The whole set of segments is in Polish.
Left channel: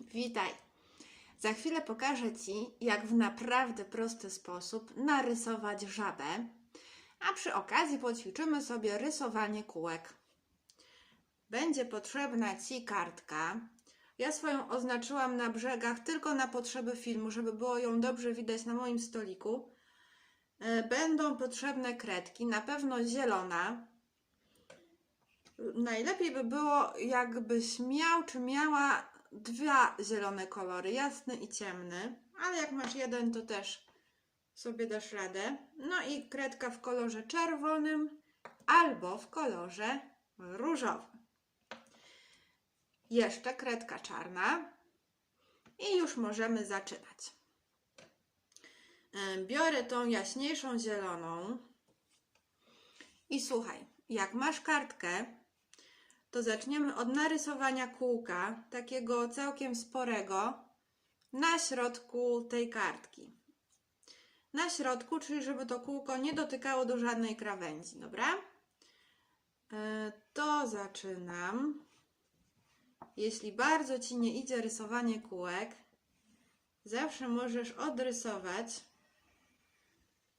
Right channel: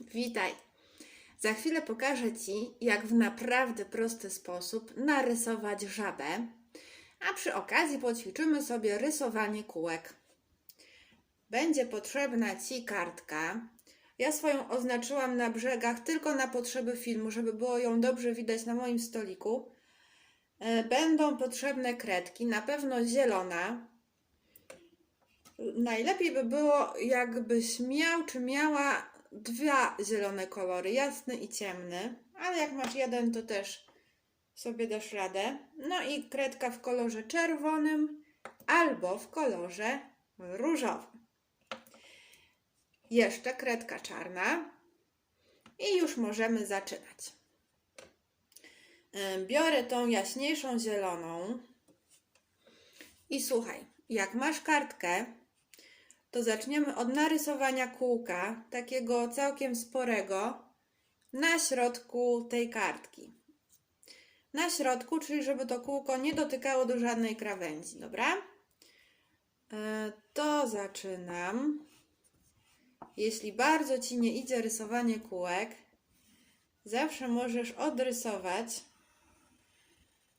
Witaj. Za chwilę pokażę Ci, jak w naprawdę prosty sposób narysować żabę, a przy okazji poćwiczymy sobie rysowanie kółek. Będzie potrzebna Ci kartka. Ja swoją oznaczyłam na brzegach tylko na potrzeby filmu, żeby było ją dobrze widać na moim stoliku. E, Będą potrzebne kredki, na pewno zielona, Najlepiej by było, jakbyś miał czy miała dwa zielone kolory, jasny i ciemny, ale jak masz jeden, to też sobie dasz radę. No i kredka w kolorze czerwonym albo w kolorze różowym. Jeszcze kredka czarna i już możemy zaczynać. Biorę tą jaśniejszą zieloną i słuchaj, jak masz kartkę, to zaczniemy od narysowania kółka, takiego całkiem sporego, na środku tej kartki. Na środku, czyli żeby to kółko nie dotykało do żadnej krawędzi, dobra? E, To zaczynam. Jeśli bardzo Ci nie idzie rysowanie kółek, zawsze możesz odrysować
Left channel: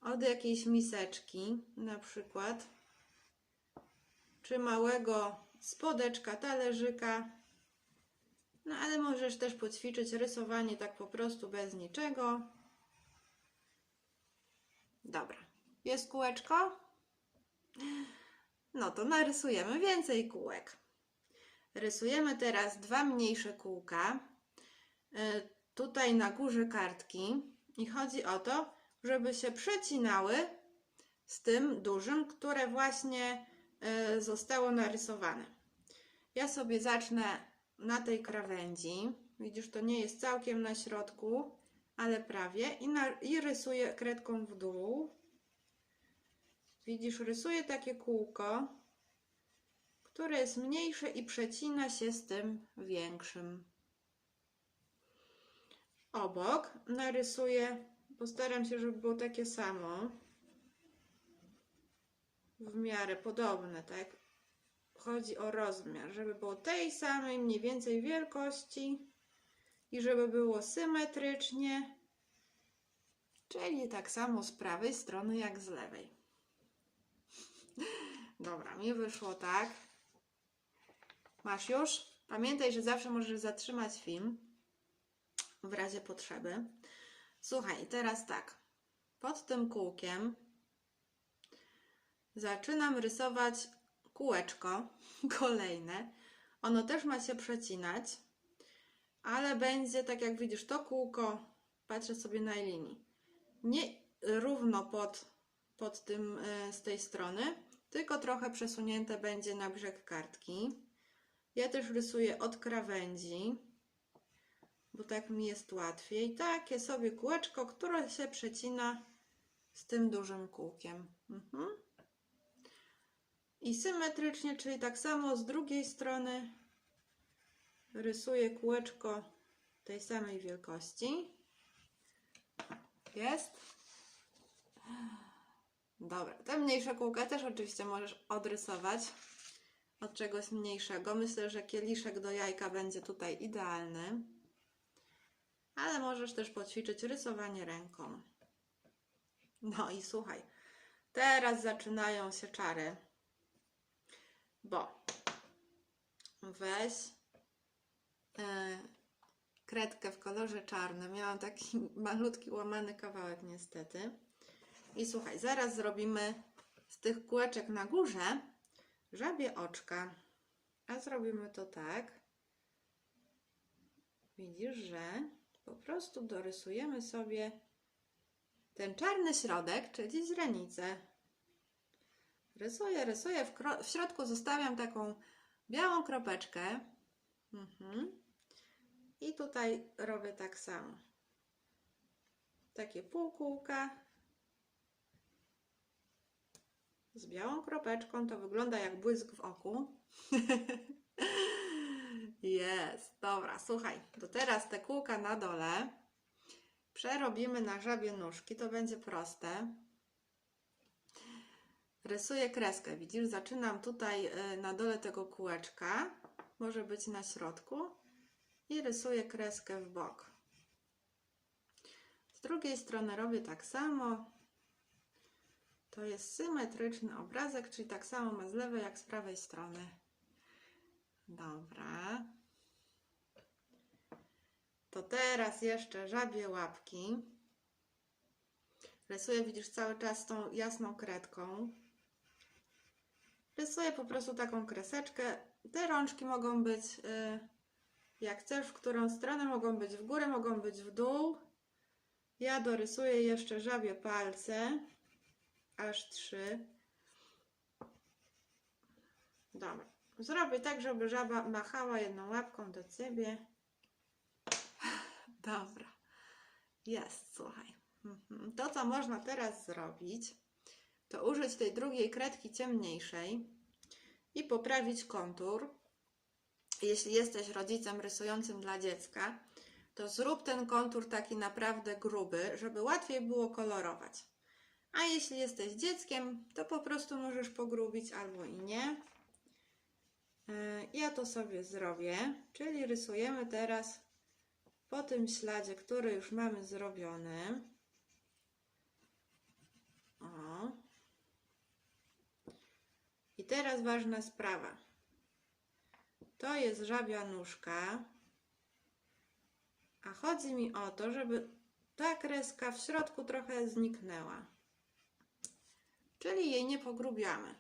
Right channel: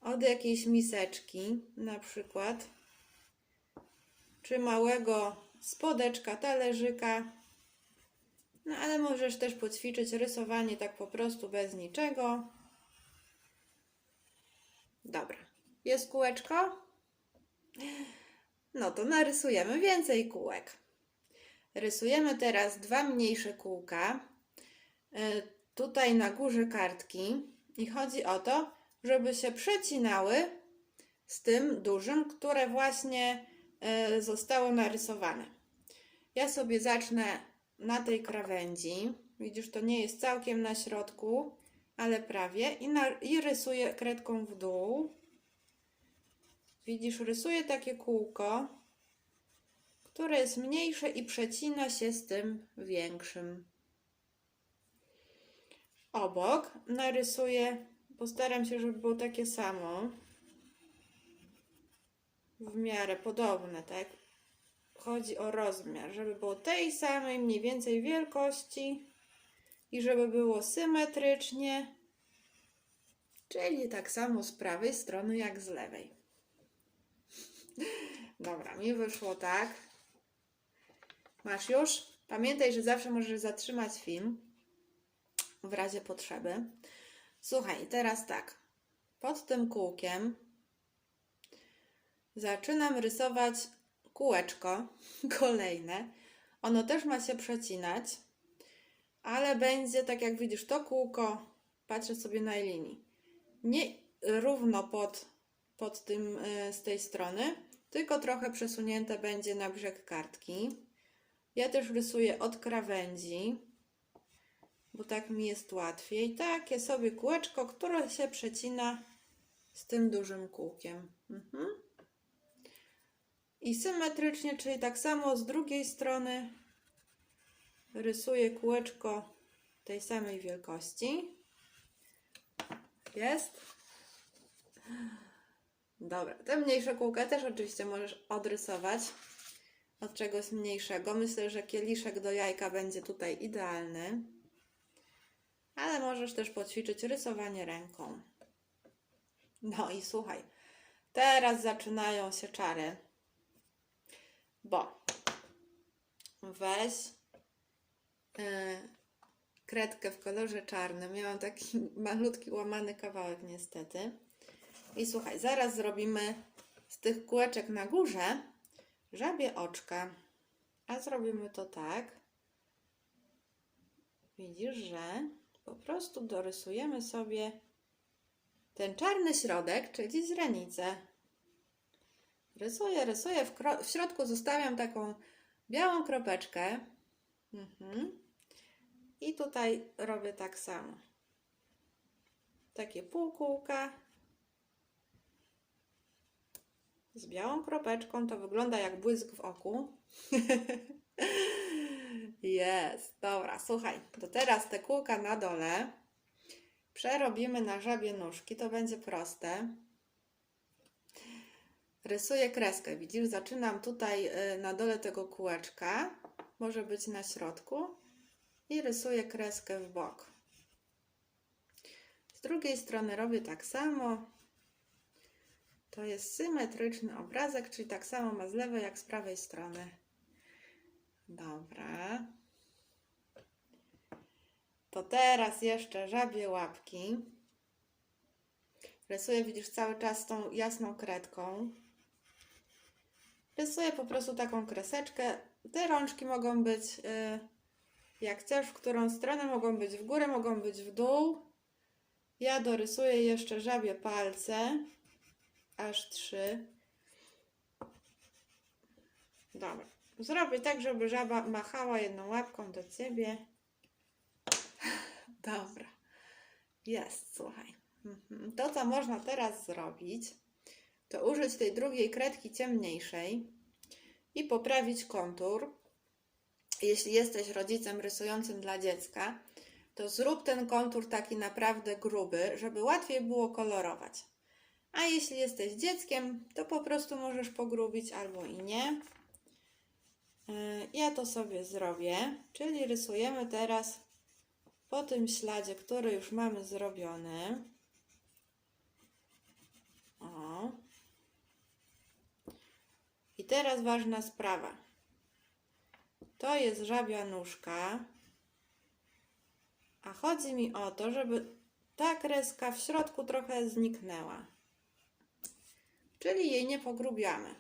od jakiejś miseczki, na przykład, czy małego spodeczka, talerzyka. No ale możesz też poćwiczyć rysowanie tak po prostu bez niczego. Dobra. Jest kółeczko? No to narysujemy więcej kółek. Rysujemy teraz dwa mniejsze kółka. e, Tutaj na górze kartki. I chodzi o to, żeby się przecinały z tym dużym, które właśnie zostało narysowane. Ja sobie zacznę na tej krawędzi. Widzisz, to nie jest całkiem na środku, ale prawie. I, na, i rysuję kredką w dół. Widzisz, rysuję takie kółko, które jest mniejsze i przecina się z tym większym. Obok narysuję, postaram się, żeby było takie samo w miarę podobne, tak? Chodzi o rozmiar, żeby było tej samej mniej więcej wielkości i żeby było symetrycznie, czyli tak samo z prawej strony jak z lewej. Dobra, mi wyszło tak. Masz już? Pamiętaj, że zawsze możesz zatrzymać film w razie potrzeby. Słuchaj, teraz tak. Pod tym kółkiem zaczynam rysować kółeczko kolejne. Ono też ma się przecinać, ale będzie tak jak widzisz, to kółko, patrzę sobie na linii, nie równo pod, pod tym y, z tej strony, tylko trochę przesunięte będzie na brzeg kartki. Ja też rysuję od krawędzi, bo tak mi jest łatwiej. Takie sobie kółeczko, które się przecina z tym dużym kółkiem. Mhm. I symetrycznie, czyli tak samo z drugiej strony rysuję kółeczko tej samej wielkości. Jest. Dobra, te mniejsze kółka też oczywiście możesz odrysować od czegoś mniejszego. Myślę, że kieliszek do jajka będzie tutaj idealny. Ale możesz też poćwiczyć rysowanie ręką. No i słuchaj, teraz zaczynają się czary bo weź yy, kredkę w kolorze czarnym. Miałam taki malutki łamany kawałek niestety. I słuchaj, zaraz zrobimy z tych kółeczek na górze żabie oczka. A zrobimy to tak. Widzisz, że po prostu dorysujemy sobie ten czarny środek, czyli źrenicę. Rysuję, rysuję. W, w środku zostawiam taką białą kropeczkę. Mhm. I tutaj robię tak samo. Takie półkółka. Z białą kropeczką to wygląda jak błysk w oku. Jest, dobra, słuchaj, to teraz te kółka na dole przerobimy na żabie nóżki, to będzie proste. Rysuję kreskę, widzisz, zaczynam tutaj y, na dole tego kółeczka, może być na środku i rysuję kreskę w bok. Z drugiej strony robię tak samo. To jest symetryczny obrazek, czyli tak samo ma z lewej jak z prawej strony. Dobra. To teraz jeszcze żabie łapki. Rysuję, widzisz, cały czas tą jasną kredką. Rysuję po prostu taką kreseczkę. Te rączki mogą być, y, jak chcesz, w którą stronę, mogą być w górę, mogą być w dół. Ja dorysuję jeszcze żabie palce, aż trzy. Dobra. Zrobię tak, żeby żaba machała jedną łapką do ciebie. Dobra. Jest, słuchaj. Mhm. To, co można teraz zrobić, to użyć tej drugiej kredki ciemniejszej i poprawić kontur. Jeśli jesteś rodzicem rysującym dla dziecka, to zrób ten kontur taki naprawdę gruby, żeby łatwiej było kolorować. A jeśli jesteś dzieckiem, to po prostu możesz pogrubić albo i nie. Yy, Ja to sobie zrobię, czyli rysujemy teraz po tym śladzie, który już mamy zrobiony. O. I teraz ważna sprawa. To jest żabia nóżka. A chodzi mi o to, żeby ta kreska w środku trochę zniknęła. Czyli jej nie pogrubiamy.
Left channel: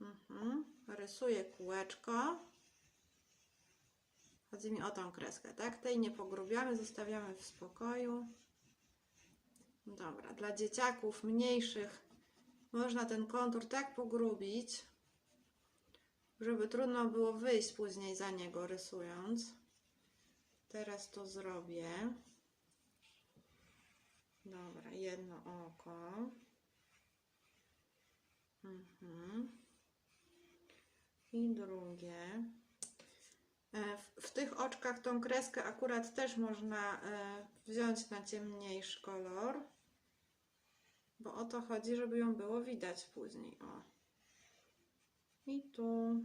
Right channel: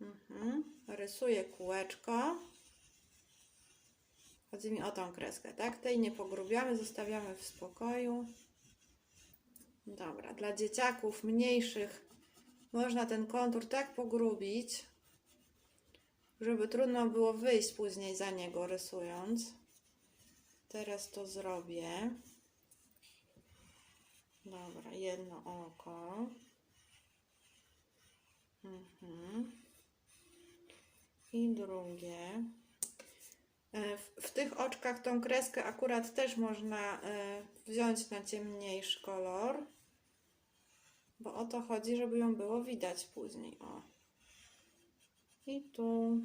Mhm. Rysuję kółeczko. Chodzi mi o tą kreskę, tak? Tej nie pogrubiamy, zostawiamy w spokoju. Dobra, dla dzieciaków mniejszych można ten kontur tak pogrubić, żeby trudno było wyjść później za niego rysując. Teraz to zrobię. Dobra, jedno oko. Mhm. I drugie. E, W, w tych oczkach tą kreskę akurat też można e, wziąć na ciemniejszy kolor, bo o to chodzi, żeby ją było widać później. O. I tu.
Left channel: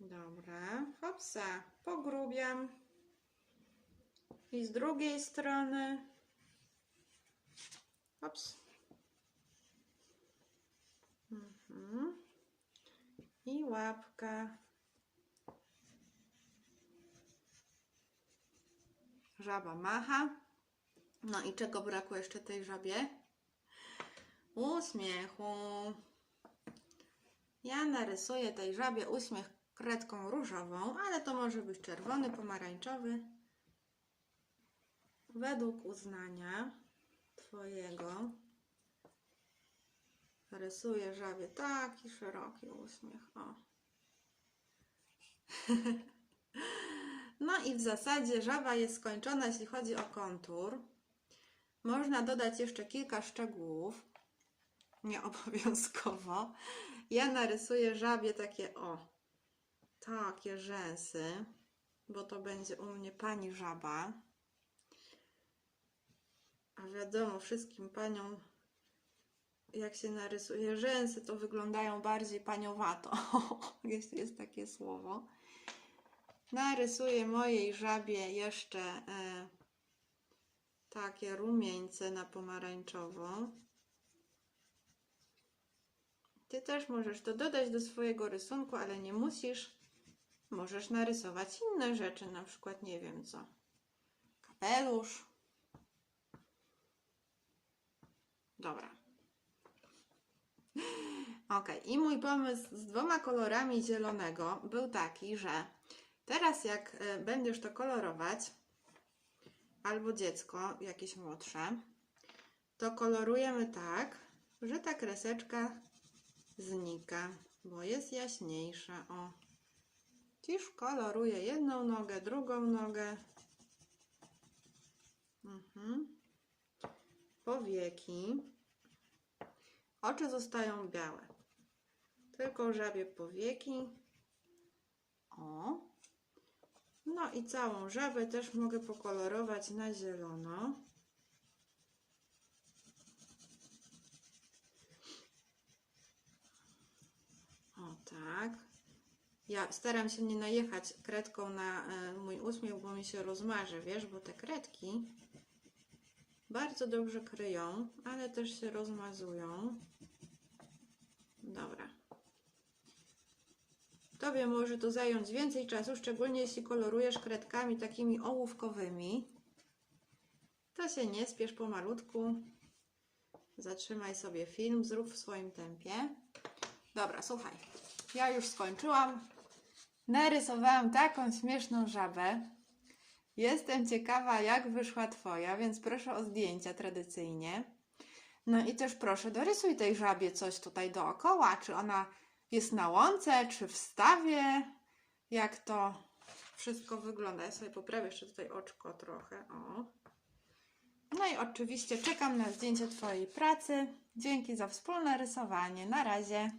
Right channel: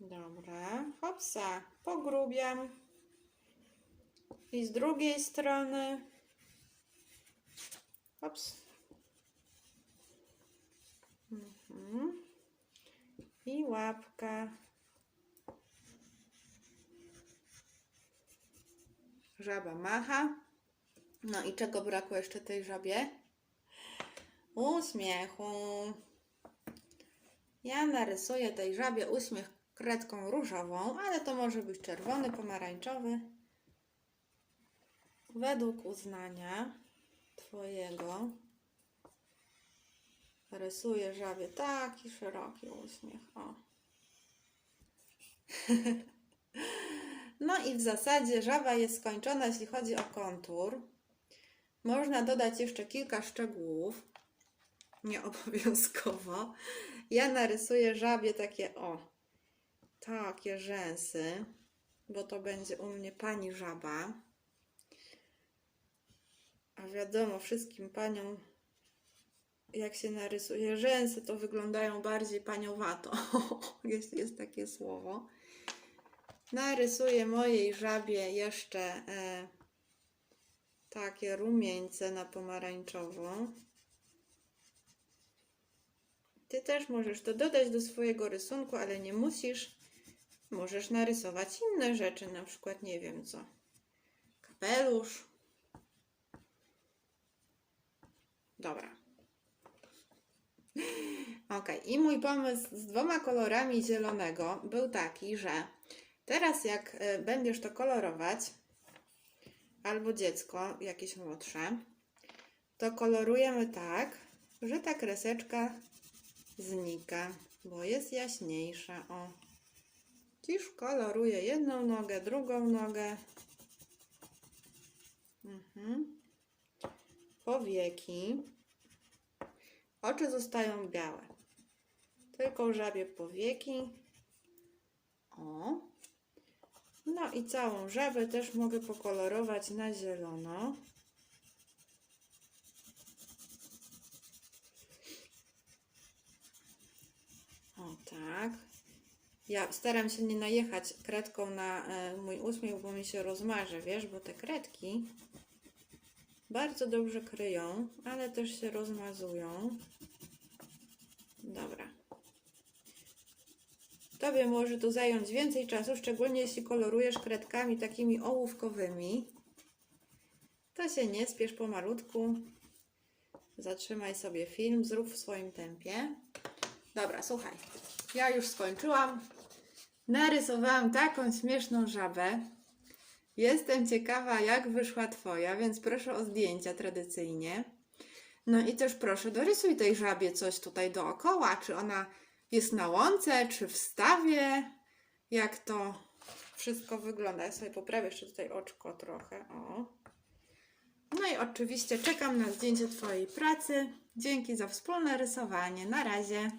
Dobra, hopsa, pogrubiam. I z drugiej strony. Hops. Mhm. I łapka. Żaba macha. No i czego brakło jeszcze tej żabie? Uśmiechu. Ja narysuję tej żabie uśmiech kredką różową, ale to może być czerwony, pomarańczowy. Według uznania Twojego rysuję żabie taki szeroki uśmiech. O. No i w zasadzie żaba jest skończona, jeśli chodzi o kontur. Można dodać jeszcze kilka szczegółów. Nie obowiązkowo. Ja narysuję żabie takie o, takie rzęsy, bo to będzie u mnie pani żaba. A wiadomo, wszystkim paniom, jak się narysuje rzęsy, to wyglądają bardziej paniowato, jeśli jest takie słowo. Narysuję mojej żabie jeszcze e, takie rumieńce na pomarańczowo. Ty też możesz to dodać do swojego rysunku, ale nie musisz. Możesz narysować inne rzeczy, na przykład nie wiem co. Kapelusz. Dobra. Ok, i mój pomysł z dwoma kolorami zielonego był taki, że teraz jak y, będziesz to kolorować, albo dziecko jakieś młodsze, to kolorujemy tak, że ta kreseczka znika, bo jest jaśniejsza. O. Dziś koloruję jedną nogę, drugą nogę. Mhm. Powieki. Oczy zostają białe. Tylko żabie powieki. O. No i całą żabę też mogę pokolorować na zielono. O tak. Ja staram się nie najechać kredką na e, mój uśmiech, bo mi się rozmarzy, wiesz, bo te kredki bardzo dobrze kryją, ale też się rozmazują. Dobra. Tobie może to zająć więcej czasu, szczególnie jeśli kolorujesz kredkami takimi ołówkowymi. To się nie spiesz pomalutku. Zatrzymaj sobie film, zrób w swoim tempie. Dobra, słuchaj. Ja już skończyłam. Narysowałam taką śmieszną żabę. Jestem ciekawa, jak wyszła Twoja, więc proszę o zdjęcia tradycyjnie. No i też proszę, dorysuj tej żabie coś tutaj dookoła. Czy ona jest na łące, czy w stawie? Jak to wszystko wygląda? Ja sobie poprawię jeszcze tutaj oczko trochę. O. No i oczywiście czekam na zdjęcie Twojej pracy. Dzięki za wspólne rysowanie. Na razie.